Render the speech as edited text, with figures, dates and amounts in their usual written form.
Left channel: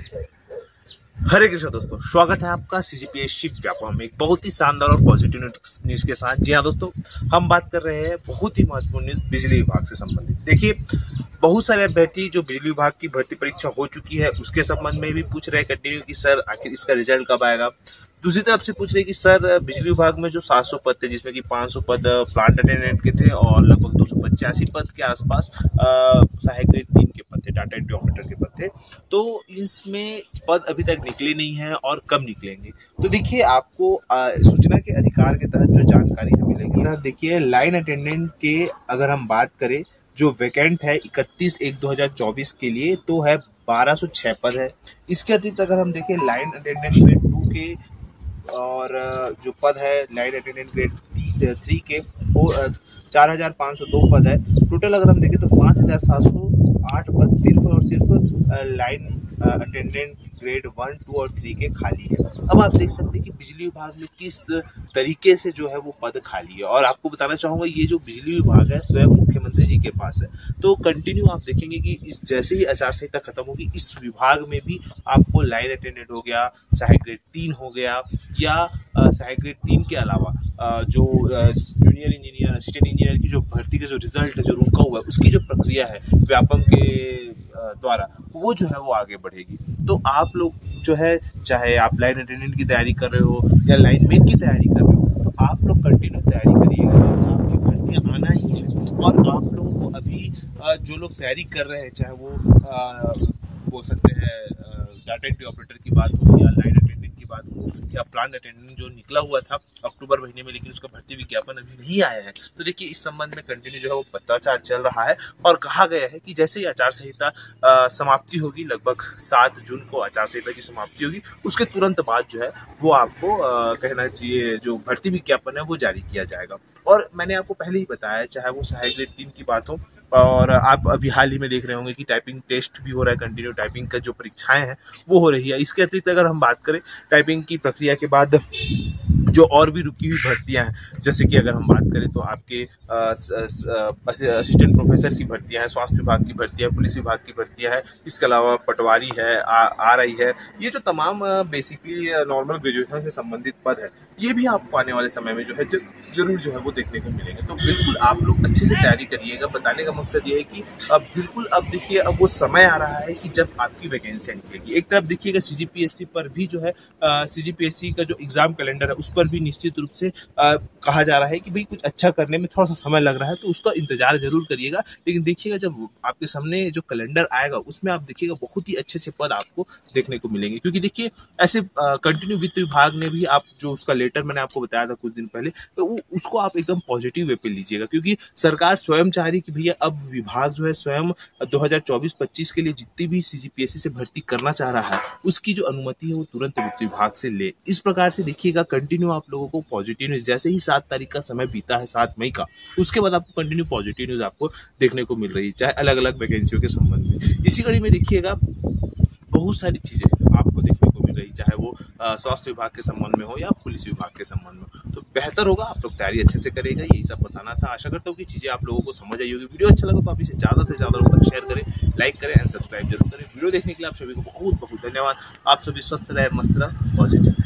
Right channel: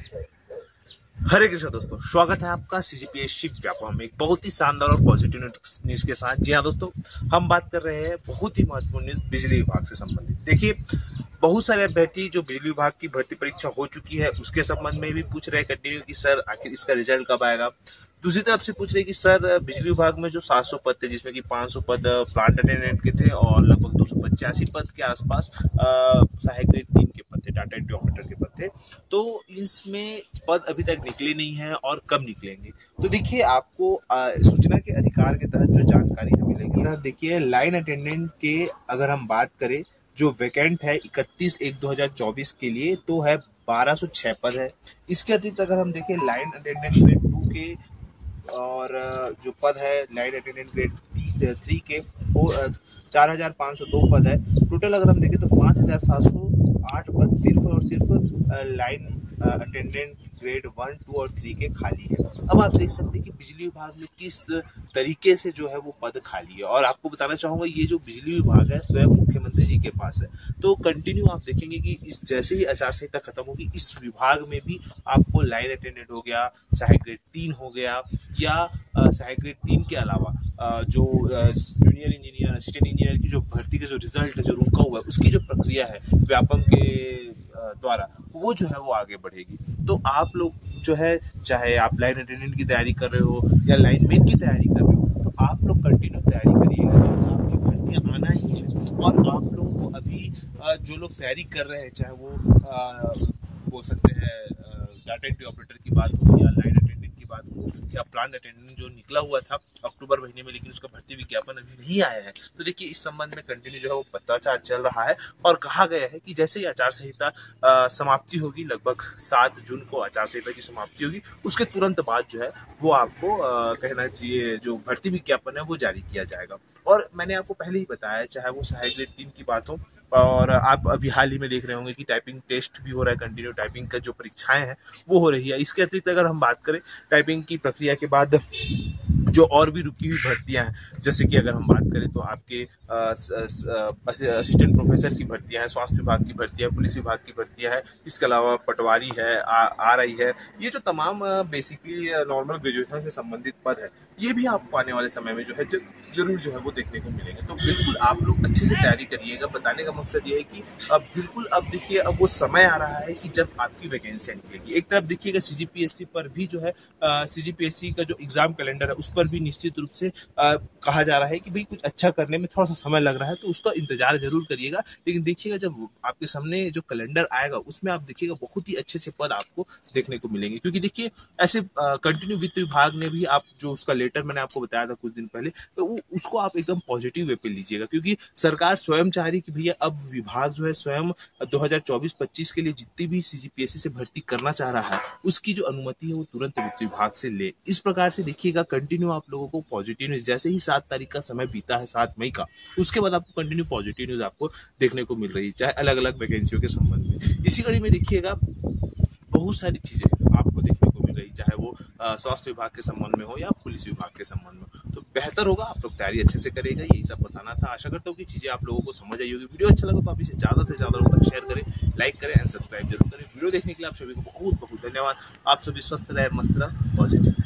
हरे कृष्ण दोस्तों, स्वागत है आपका सीजीपीएससी व्यापम में एक बहुत ही शानदार और पॉजिटिव न्यूज के साथ। जी हाँ दोस्तों, हम बात कर रहे हैं बहुत ही महत्वपूर्ण न्यूज बिजली विभाग से संबंधित। देखिए, बहुत सारे अभ्यर्थी जो बिजली विभाग की भर्ती परीक्षा हो चुकी है उसके संबंध में भी पूछ रहे हैं कंटिन्यू कि सर आखिर इसका रिजल्ट कब आएगा। दूसरी तरफ से पूछ रहे हैं कि सर बिजली विभाग में जो 700 पद थे, जिसमें कि 500 पद प्लांट अटेंडेंट के थे और लगभग 285 पद के आसपास सहायक ग्रेड 3 के पद थे, डाटा एंट्री ऑपरेटर के पद थे। तो इसमें पद अभी तक निकले नहीं हैं और कब निकलेंगे। तो देखिए, आपको सूचना के अधिकार के तहत जो जानकारी हमें मिलेगी, देखिए लाइन अटेंडेंट के अगर हम बात करें, जो वैकेंट है 31/1/2024 के लिए तो है 1206 पद है। इसके अतिरिक्त अगर हम देखें लाइन अटेंडेंट ग्रेड 2 के और जो पद है लाइन अटेंडेंट ग्रेड 3 के 4502 पद है। टोटल अगर हम देखें तो 5708 पद सिर्फ और सिर्फ लाइन अटेंडेंट ग्रेड 1, 2 और 3 के खाली है। अब आप देख सकते हैं कि बिजली विभाग में किस तरीके से जो है वो पद खाली है। और आपको बताना चाहूंगा, ये जो बिजली विभाग है स्वयं मुख्यमंत्री जी के पास है। तो कंटिन्यू आप देखेंगे कि इस जैसे ही आचार संहिता खत्म होगी, इस विभाग में भी आपको लाइन अटेंडेंट हो गया, सहायक ग्रेड 3 हो गया, या सहायक ग्रेड 3 के अलावा जो जूनियर इंजीनियर, असिस्टेंट इंजीनियर की जो भर्ती का जो रिजल्ट है, जो रुका हुआ है, उसकी जो प्रक्रिया है व्यापम के द्वारा, वो जो है वो आगे बढ़ेगी। तो आप लोग जो है, चाहे आप लाइन अटेंडेंट की तैयारी कर रहे हो या लाइनमैन की तैयारी कर रहे हो, तो आप लोग कंटिन्यू तैयारी करिएगा। आपकी भर्तियाँ आना ही है। और आप लोगों को अभी जो लोग तैयारी कर रहे हैं, चाहे वो बोल सकते हैं डाटा एंट्री ऑपरेटर की बात हो या लाइन अटेंडेंट की बात हो या प्लांट अटेंडेंट जो निकला हुआ था अक्टूबर महीने में, लेकिन उसका भर्ती विज्ञापन अभी नहीं आया है। तो देखिए, इस संबंध में कंटिन्यू जो है वो पत्राचार चल रहा है और कहा गया है कि जैसे ही आचार संहिता समाप्ति होगी, लगभग 7 जून को आचार संहिता की समाप्ति होगी, उसके तुरंत बाद जो है वो आपको कहना चाहिए जो भर्ती विज्ञापन है वो जारी किया जाएगा। और मैंने आपको पहले ही बताया, चाहे वो सहायक ग्रेड 3 की बात हो, और आप अभी हाल ही में देख रहे होंगे कि टाइपिंग टेस्ट भी हो रहा है, कंटिन्यू टाइपिंग का जो परीक्षाएं हैं वो हो रही है। इसके अतिरिक्त अगर हम बात करें टाइपिंग की प्रक्रिया के बाद जो और भी रुकी हुई भर्तियां हैं, जैसे कि अगर हम बात करें तो आपके असिस्टेंट प्रोफेसर की भर्तियां हैं, स्वास्थ्य विभाग की भर्तियां, पुलिस विभाग की भर्तियां हैं, इसके अलावा पटवारी है, आ रही है। ये जो तमाम बेसिकली नॉर्मल ग्रेजुएशन से संबंधित पद है, ये भी आपको आने वाले समय में जो है जरूर जो है वो देखने को मिलेंगे। तो बिल्कुल आप लोग अच्छे से तैयारी करिएगा। बताने का मकसद ये है कि अब बिल्कुल अब देखिए, अब वो समय आ रहा है कि जब आपकी वैकेंसी निकलेगी। एक तरफ देखिएगा सीजीपीएससी पर भी जो है सीजीपीएससी का जो एग्जाम कैलेंडर है उस पर भी निश्चित रूप से कहा जा रहा है कि भाई कुछ अच्छा करने में थोड़ा सा समय लग रहा है, तो उसका इंतजार जरूर करिएगा। लेकिन देखिएगा, जब आपके सामने जो कैलेंडर आएगा उसमें आप देखिएगा बहुत ही अच्छे अच्छे पद आपको देखने को मिलेंगे। क्योंकि देखिए, ऐसे कंटिन्यू वित्त विभाग ने भी आप जो उसका लेटर मैंने आपको बताया था कुछ दिन पहले, तो उसको आप एकदम पॉजिटिव वे पे लीजिएगा। क्योंकि सरकार स्वयं चाह रही कि भैया अब विभाग जो है स्वयं 2024-25 के लिए जितनी भी सीजीपीएससी से भर्ती करना चाह रहा है, उसकी जो अनुमति है वो तुरंत वित्त विभाग से ले। इस प्रकार से देखिएगा, कंटिन्यू आप लोगों को पॉजिटिव न्यूज, जैसे ही 7 तारीख का समय बीता है, 7 मई का, उसके बाद आपको कंटिन्यू पॉजिटिव न्यूज आपको देखने को मिल रही है, चाहे अलग अलग वैकेंसियों के संबंध में। इसी कड़ी में देखिएगा, बहुत सारी चीजें आपको देखने को मिल रही, चाहे वो स्वास्थ्य विभाग के संबंध में हो या पुलिस विभाग के संबंध में। तो बेहतर होगा आप लोग तैयारी अच्छे से करेगा। यही सब बताना था। आशा करता हूँ कि चीजें आप लोगों को समझ आई होगी। वीडियो अच्छा लगा तो आप इसे ज्यादा से ज्यादा लोगों तक शेयर करें, लाइक करें एंड सब्सक्राइब जरूर करें। वीडियो देखने के लिए आप सभी को बहुत बहुत धन्यवाद। आप सभी स्वस्थ रहे, मस्त रहे, पॉजिटिव।